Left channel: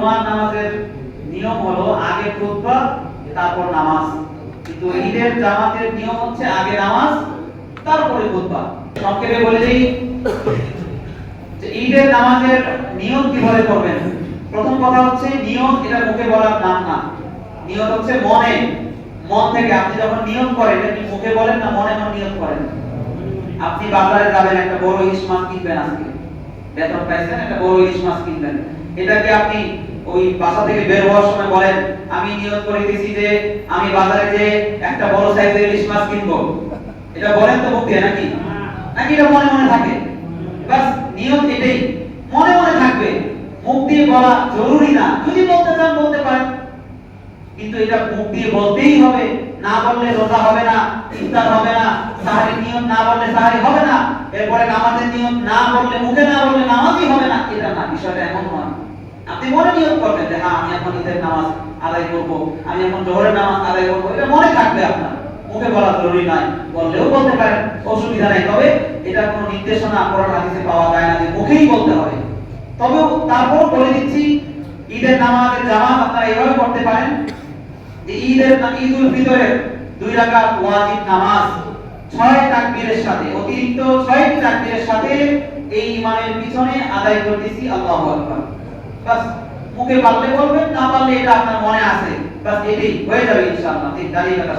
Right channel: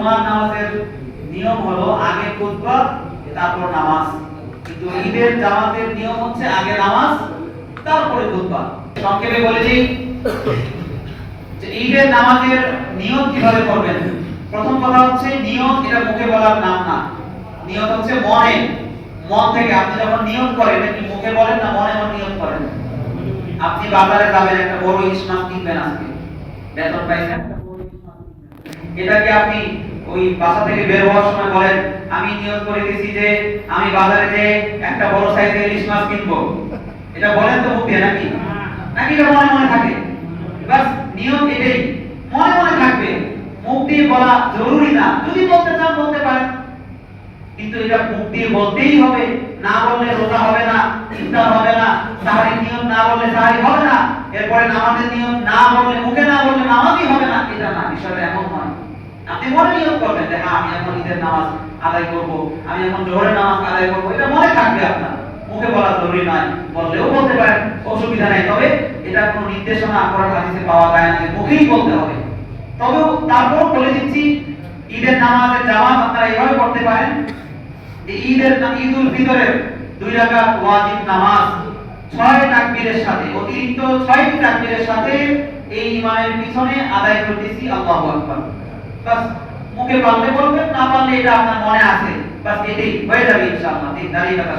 জুমার নামাজের নিয়ম হলো আগে খুতবা তারপর নামাজ, কিন্তু ঈদের জামাতের নিয়ম হচ্ছে আগে নামাজ তারপরে খুতবা। সংক্ষেপে বলে দিই যে ঈদের নামাজের নিয়ম কিভাবে করবেন। প্রথম কথা হচ্ছে নিয়ত, এটা মুখে বলার নাম না। নিয়ত হচ্ছে মনে, মন থেকে আপনি যখন নিয়ত করেন, এটা কি মুখে বলেন না মনে মনে নিয়ত করেন? আপনি বাজারে যাবেন, একটা বড় ইলিশ মাছ কিনবেন, আজকে বেতন পাইছেন, একটা বড় ইলিশ মাছ কিনবেন, এটা কি আপনি ওই বাসা থেকে বের হওয়ার সময় বলেন আমি নিয়ত করে দিয়েছি যে আমি বাজারে যে একটা বড় সাইজের ইলিশ মাছ কিনবো, এটা বলেন তো মুখ দিয়ে নাকি? নাকি এটা মনে মনে থাকে? বাস নিয়ত এটাই, মনে মনে থাকবে, মুখ দিয়ে বলা জরুরি না, যদি বলতে চান বলতে পারেন, কিন্তু এটা মুখ দিয়ে বলতেই হবে, না বললে রোজা হবে না, ইফতার হবে না, সাহারি নিয়ত না বললে সাহারি হবে না, এরপরে নামাজের নিয়ত না বললে, মুখে না বললে নামাজই হবে না, এটা না, বিষয়টা এমন নয়। আপনি মনে নিয়ত করবেন যে হ্যাঁ আমি এখন ঈদের নামাজ আদায় করব, আমি এখন জোহরের নামাজ আদায় করব, এটা মনে থাকবে আপনার, মুখে বলা জরুরি নয়, বললেও বলতে পারেন, অসুবিধা নাই। তবে এটা কোনো নির্দেশনা কোরআন হাদিসে পাওয়া যায় না যে মুখেই বলতে হবে। তবে তারপর বলে দিচ্ছি ঈদের নামাজের জামাত আপনারা এইভাবে করতে পারেন যে ঈদুল ফিতরের 2 রাকাত ওয়াজিব নামাজ 6 তাকবীরের সাথে, অতিরিক্ত 6টি তাকবীরের সাথে এই ইমামের পিছনে আদায় করতেছি আল্লাহু আকবার। বাস মুখে বললে বলবেন, না বললে এটা আপনার মনে আছে, বাস এটাই হয়ে যাবে ইনশাআল্লাহ। ঠিক দাঁড়িয়ে থাকা